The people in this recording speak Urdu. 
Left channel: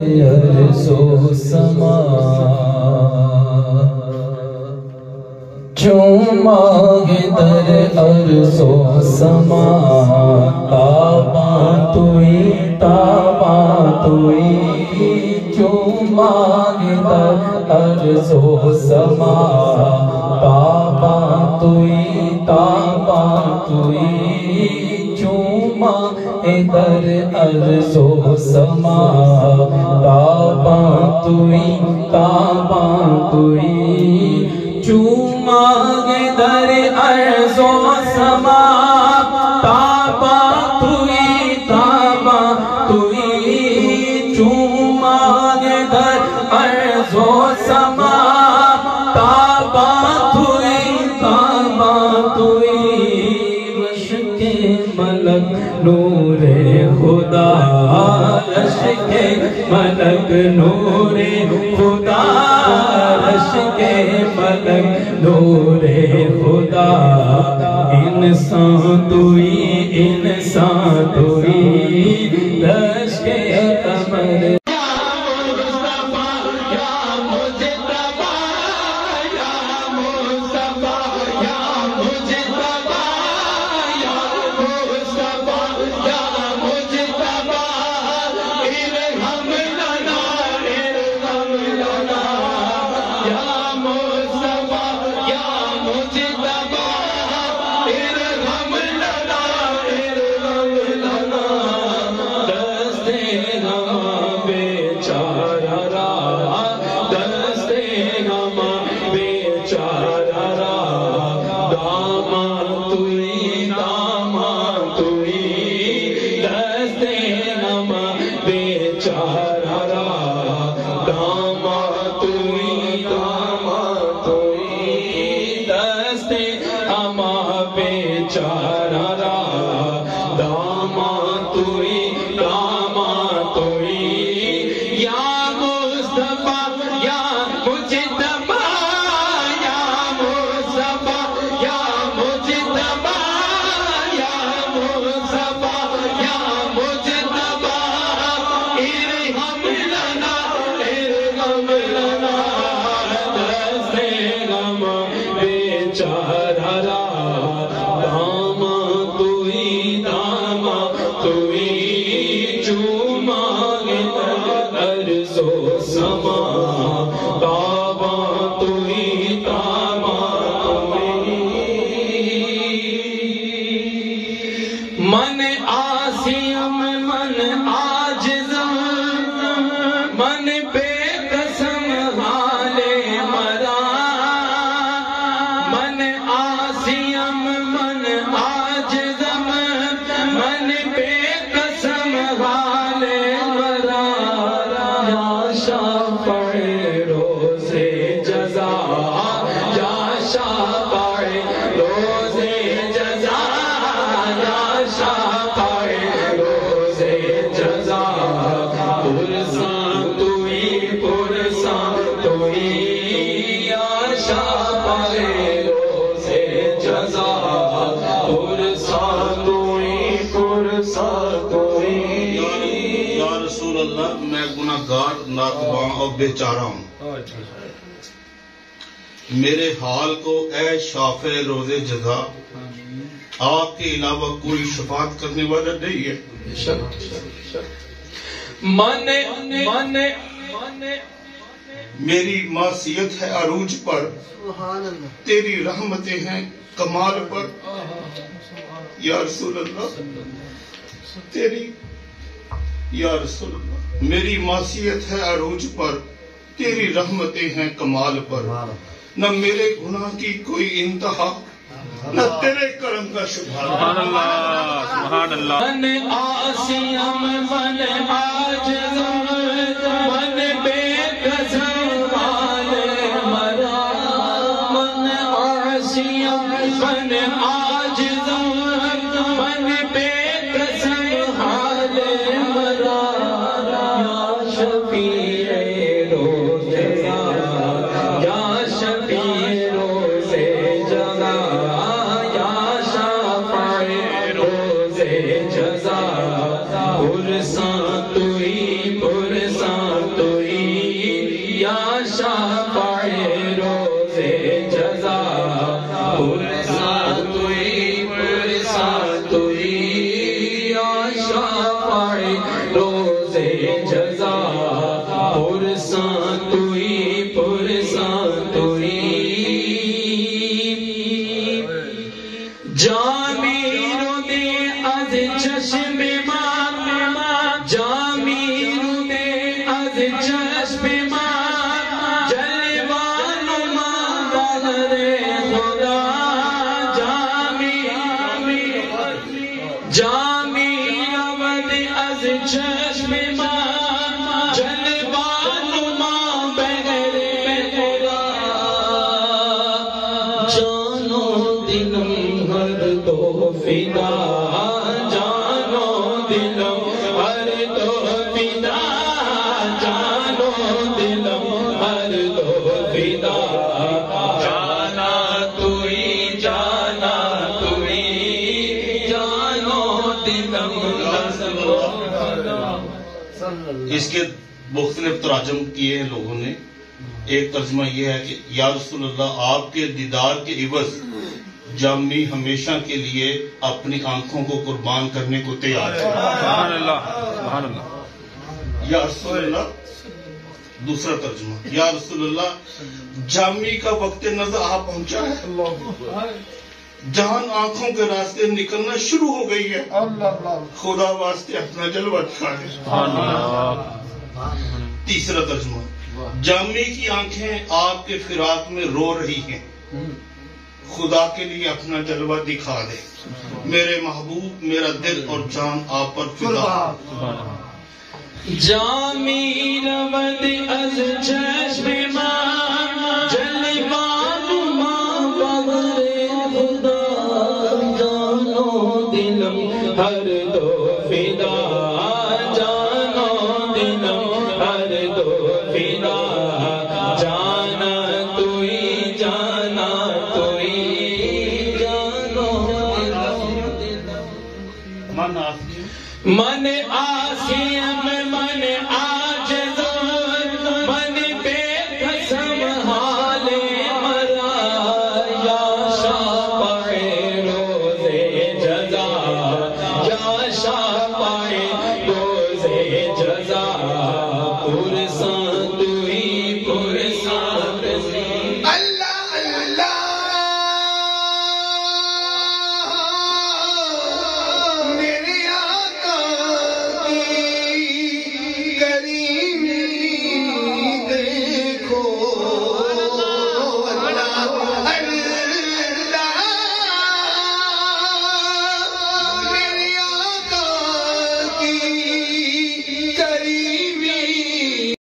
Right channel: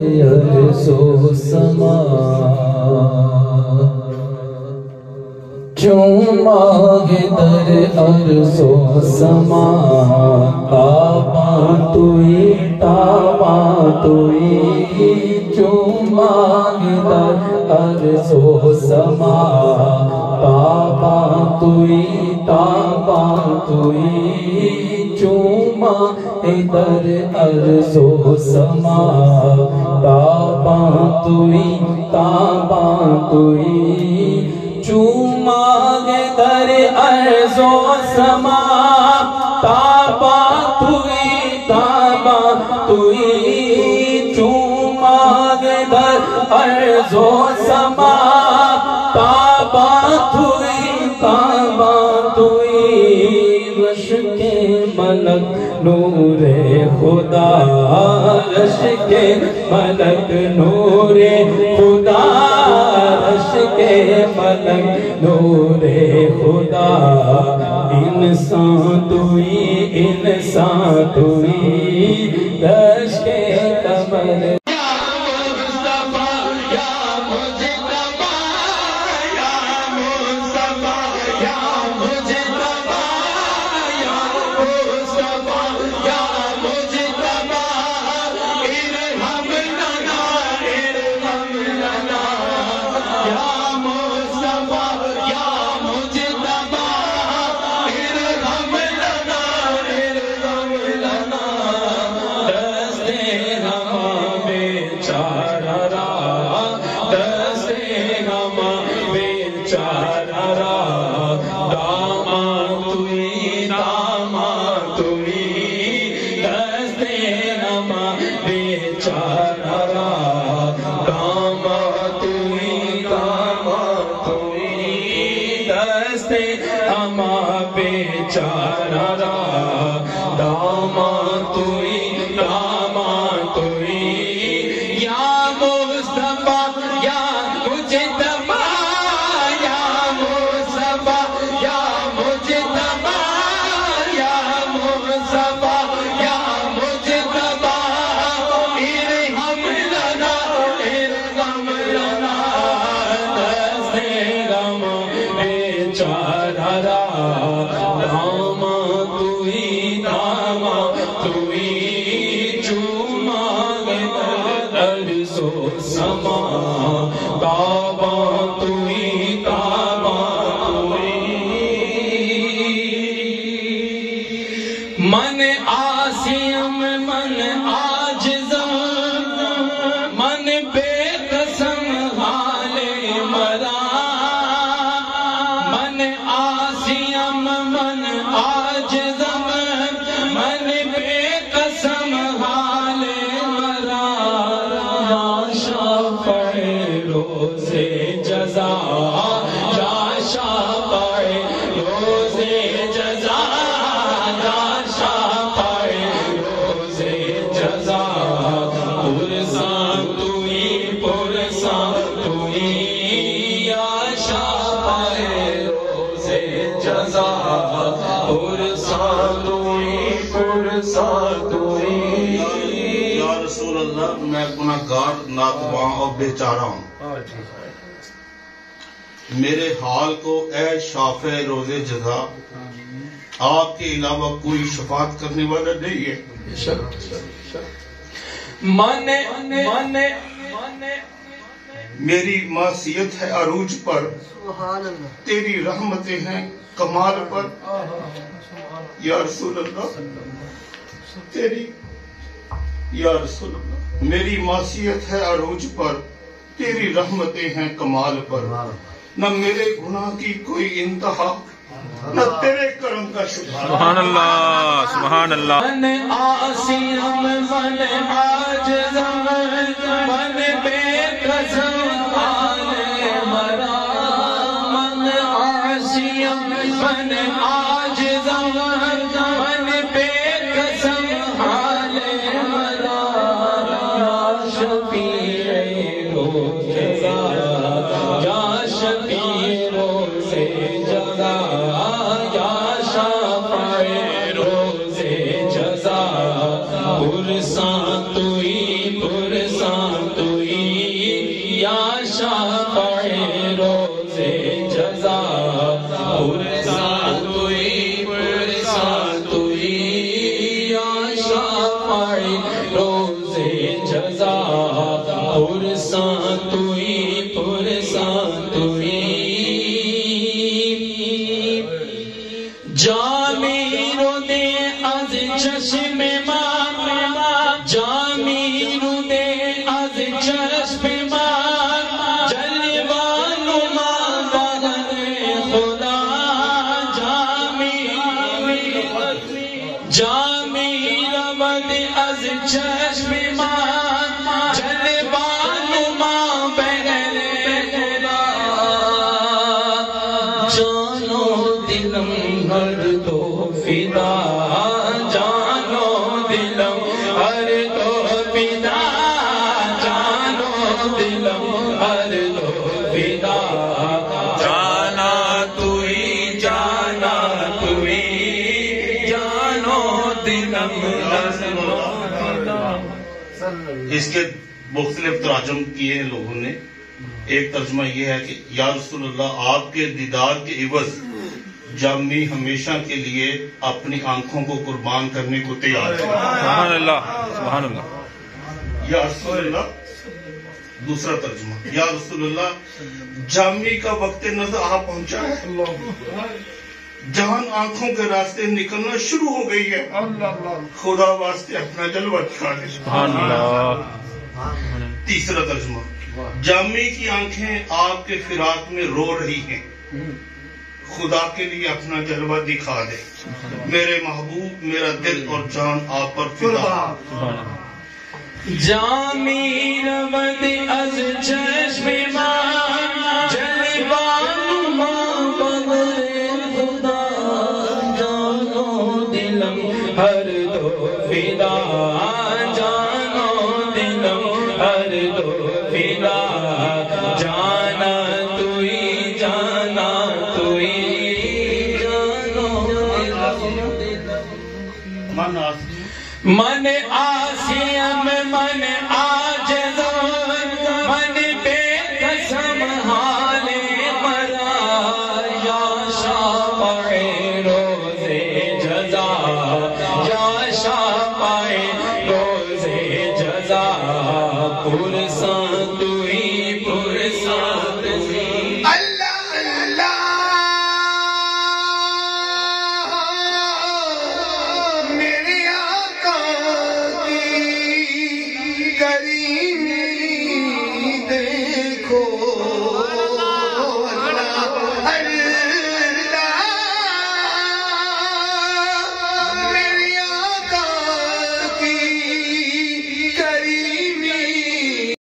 یرسو سما چوماگے در ارسو سما تابا توئی چوماگے در ارسو سما تابا توئی چوما در ارسو سما تابا توئی چوما در ارسو سما تابا توئی چوما در ارسو سما تابا توئی رشک ملک نور خدا رشک ملک نور خدا رشک ملک نور خدا انسان توئی رشک قمر میں گناہگار ناتواں اور بیچارہ ہوں، میرے حال کو اے شافع روز جزا، آپ کے علاوہ کوئی شفاعت کرنے والا نہیں ہے۔ میری معصیت ہے عروج پر، تیری رحمتیں ہیں کمال پر، یا رسول اللہ یا رسول اللہ، میری معصیت ہے عروج پر، تیری رحمتیں ہیں کمال پر، نہ میرے گناہ کی کوئی انتہا، نہ تیرے کرم کا شبہ۔ سبحان اللہ، سبحان اللہ۔ من آسیم من عاجزم من بے قسم آلے مرا، من آسیم من عاجزم من بے قسم آلے مرا، یا شفیع روز جزا، یا شفیع روز جزا، یا شفیع روز جزا، پرساں توئی پرساں جزا پرساں توئی جامی رو دے از چشم ماں جامی رو دے از چشم ماں جلوان ماں بغیر خدا جامی رود از چشم ماں جلوان ماں بغیر خدا جانو دلم ہر دو فدا جانو دلم ہر دو فدا جانو دلم ہر دو فدا جانا توئی جانو دلم اس کے مختلف تراجم کیے ہیں لوگوں نے. ایک ترجمہ یہ ہے کہ یا رسول اللہ آپ کے دیدار کے عوض جامی ہمیشہ کے لیے اپنی آنکھوں کو قربان کرنے کو تیار ہے. سبحان اللہ سبحان اللہ. یا رسول اللہ. دوسرا ترجمہ یا رسول اللہ جامی کا وقت نظر آ پہنچا ہے، جان آنکھوں کے راستے نکلنا شروع ہو گئی ہے، خدا واسطے اپنا جلوہ دکھائے. سبحان اللہ. تیسرا ترجمہ جامی کی آنکھیں آپ کے فراق میں رو رہی ہیں، خدا کے لیے اپنا جلوہ دکھا دے. میرے محبوب میرا دل اور جان آپ پر فدا. جامی رود از چشم ماں جلوان ماں بغیر خدا جانو دلم ہر دو فدا جانو دلم ہر دو فدا جانا توئی جانو من آسیم من عاجز من بے قسم حال مرا یا شافع روز جزا یا شافع روز جزا پرساں